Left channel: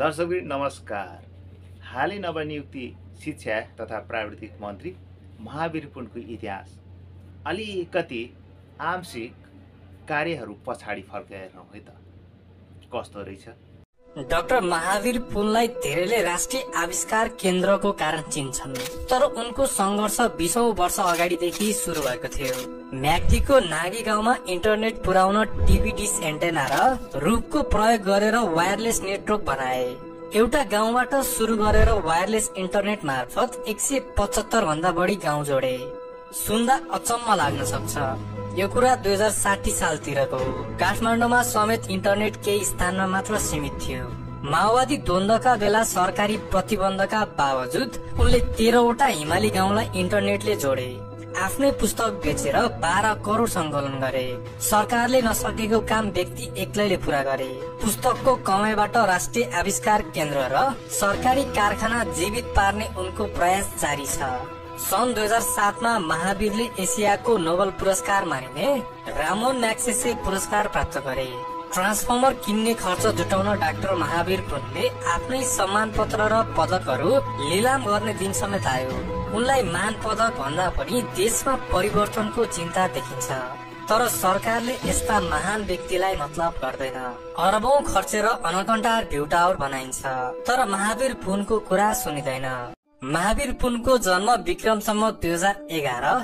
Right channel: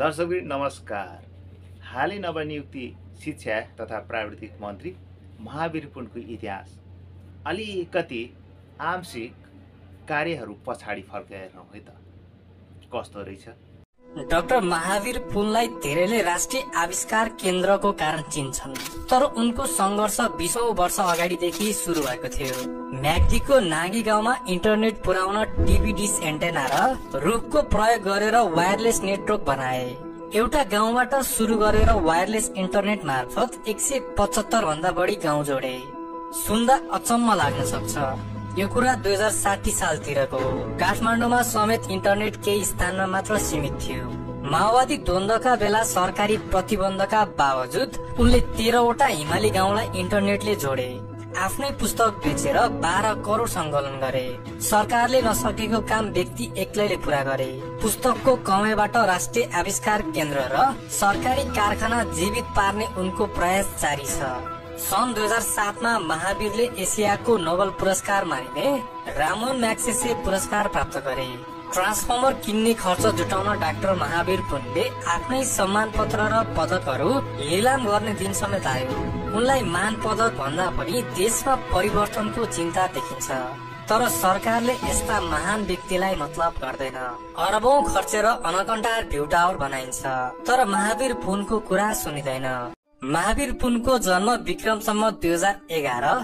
दर्शकवृन्द नमस्कार। हालै नवनियुक्ति शिक्षा तथा प्राविधिक मन्त्री महावीर पुनको इतिहास अलिकति आंशिक कार्यहरू पछाडि फर्केर है त कस्तो रहेछ। डाक्टर महावीर पुनलाई धेरैले राष्ट्रिय आविष्कार केन्द्रको कारण चिन्छन्, तर उनको संघर्ष 20औं वर्ष अगाडिदेखि सुरु भएको थियो। म्याग्दीको नागी गाउँमा इन्टरनेट पुर्याउन टिभी डिश एन्टेना र रुखको प्रयोग गरेर वायरलेस नेटवर्क बनाए। एउटा गाउँबाट सुरु गरेर वायरलेस इन्टरनेट मार्फत 175 भन्दा बढी गाउँ जोडे। सुन्दा अचम्म लाग्न सक्छ, यो कुरा 2060 सालतिरको हो। काठमाडौँमा समेत इन्टरनेट केही स्थानमा मात्र सीमित थियो। माओवादी द्वन्द्वका बेला सरकारी प्रतिबन्धका बावजुद उनले 13वटा हिमाली गाउँलाई इन्टरनेटले जोडे। आफ्नै पुस्तक बेचेर 12 करोड सङ्कलन गरे। सरकारले नसकेको काम व्यक्ति एक्लैले पूरा गरे। पुस्तकको कमाइबाट राष्ट्रिय आविष्कार केन्द्र र सरकारी कारखाना जीवित पार्ने उनको प्रयास जारी छ। सन् 2007 मा महावीरले एसियाको नोबेल पुरस्कार मानिने रामोन म्याग्सेसे पुरस्कार प्राप्त गरे। ट्रान्सफर्मर किन्ने खर्च जुटाउन डाक्टर महावीर पुनले आफ्नै सम्मान पत्र र पदकहरू लिलाम गर्ने दिन समेत आयो। उनलाई मान पदक भन्दा पनि देशमा परिवर्तनको चिन्ता देखिन्छ, तर सरकारले यस्ता महान व्यक्तिलाई मतलब गर्दैन। अरबौं खर्चेर अनकन्टार भ्यू टावर बनाइन्छ, तर महावीर पुनको कुरा सुनिँदैन। महावीर पुनको जन्म विक्रम सम्वत 2011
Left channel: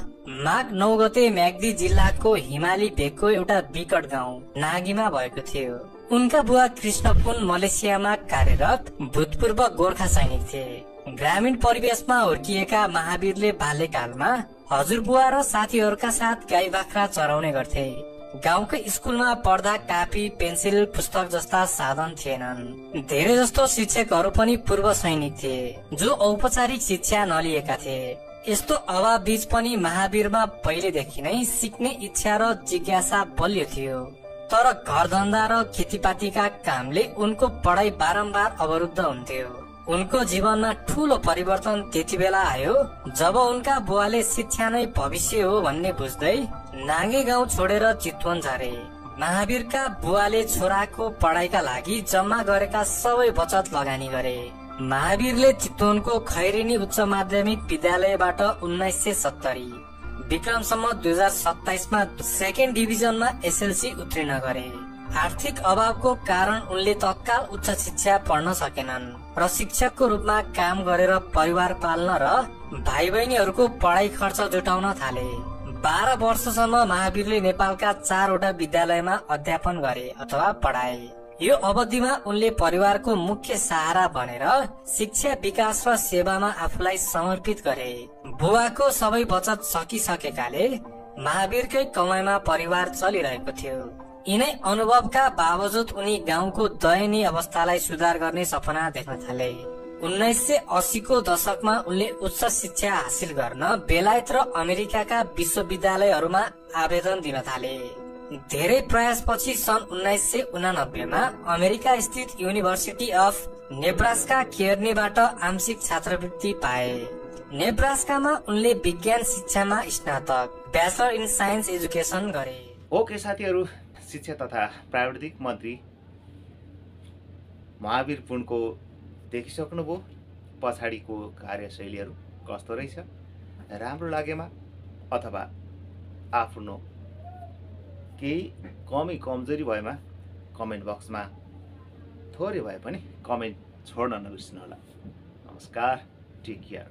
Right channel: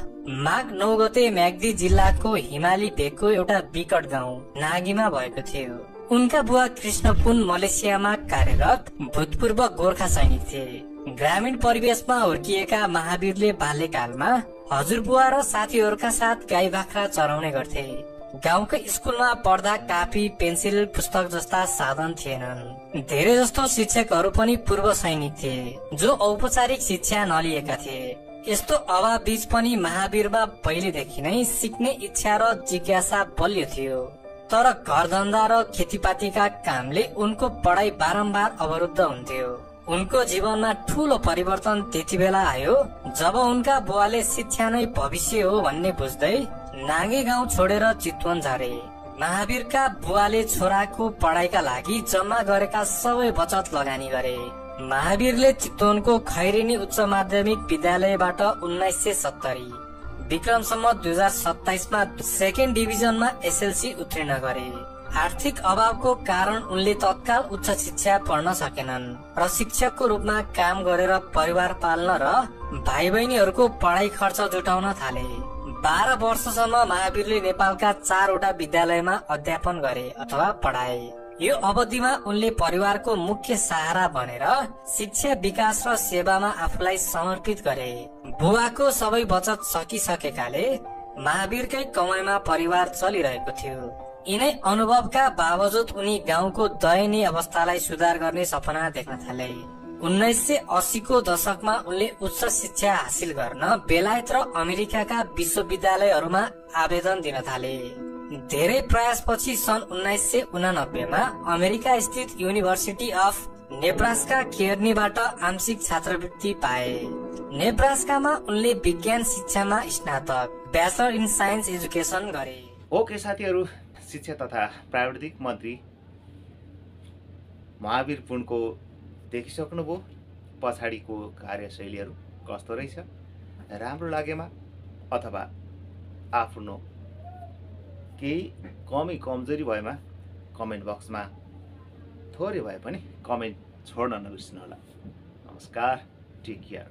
माघ 9 गते म्याग्दी जिल्लाको हिमाली भेगको एउटा विकट गाउँ नागीमा भएको थियो। उनका बुवा कृष्ण पुन मलेसियामा कार्यरत भूतपूर्व गोर्खा सैनिक थिए। ग्रामीण परिवेशमा हुर्किएका महावीरले बाल्यकालमा हजुरबुवा र साथीहरूका साथ गाई बाख्रा चराउने गर्थे। गाउँकै स्कुलमा पढ्दा कापी पेन्सिल पुस्तक जस्ता साधन थिएनन्। धेरै जस्तो शिक्षकहरू पनि पूर्व सैनिक थिए जो औपचारिक शिक्षा नलिएका थिए। यस्तो अभाव बीच पनि महावीरमा पहिलेदेखि नै सिक्ने इच्छा र जिज्ञासा बलियो थियो, तर घरधन्दा र खेतीपातीका कामले उनको पढाइ बारम्बार अवरुद्ध हुन्थ्यो। उनको जीवनमा ठूलो परिवर्तन त्यति बेला आयो जब उनका बुवाले शिक्षा नै भविष्य हो भन्ने बुझ्दै नागी गाउँ छोडेर चितवन झरे। महावीरका बुवाले छोराको पढाइका लागि जम्मा गरेका सबै बचत लगानी गरे। महावीरले चितवनको खैरेनी उच्च माध्यमिक विद्यालयबाट 1970 विक्रम सम्वत 2027 मा सेकेन्ड डिभिजनमा एसएलसी उत्तीर्ण गरे। आर्थिक अभावको कारण उनले तत्काल उच्च शिक्षा पढ्न सकेनन् र शिक्षकको रूपमा काम गरेर परिवार पाल्न र भाइ बहिनीहरूको पढाइ खर्च जुटाउन थाले। 12 वर्षसम्म महावीरले नेपालका 4वटा विद्यालयमा अध्यापन गरे अथवा पढाए। यो अवधिमा उनले परिवारको मुख्य सहारा बनेर शिक्षा विकास र सेवामा आफूलाई समर्पित गरे। बुबाको सबै बचत सकिसकेकाले महावीरकै कमाइमा परिवार चलिरहेको थियो। यिनै अनुभवका बावजुद उनी गाउँको दयनीय अवस्थालाई सुधार गर्ने सपना देख्न थाले। 1980 को दशकमा उनले उच्च शिक्षा हासिल गर्न बेलायत र अमेरिकाका विश्वविद्यालयहरूमा आवेदन दिन थाले। धेरै प्रयासपछि सन् 1989 मा अमेरिका स्थित युनिभर्सिटी अफ नेब्रास्का केर्नीबाट आंशिक छात्रवृत्ति पाए। नेब्रास्कामा उनले विज्ञान शिक्षामा स्नातक ब्याचलर इन साइन्स एजुकेसन गरे। ओके साथीहरू, शिक्षा तथा प्राविधिक मन्त्री महावीर पुनको देखिसक्नुभयो। पछाडिको कार्यशैलीहरू कस्तो रहेछ, राम्रो लागेमा अथवा आफ्नो केही कमी कमजोरी भएमा कमेन्ट बक्समा थोरै भए पनि कमेन्ट छोड्न नबिर्सनु होला। नमस्कार, टेक केयर।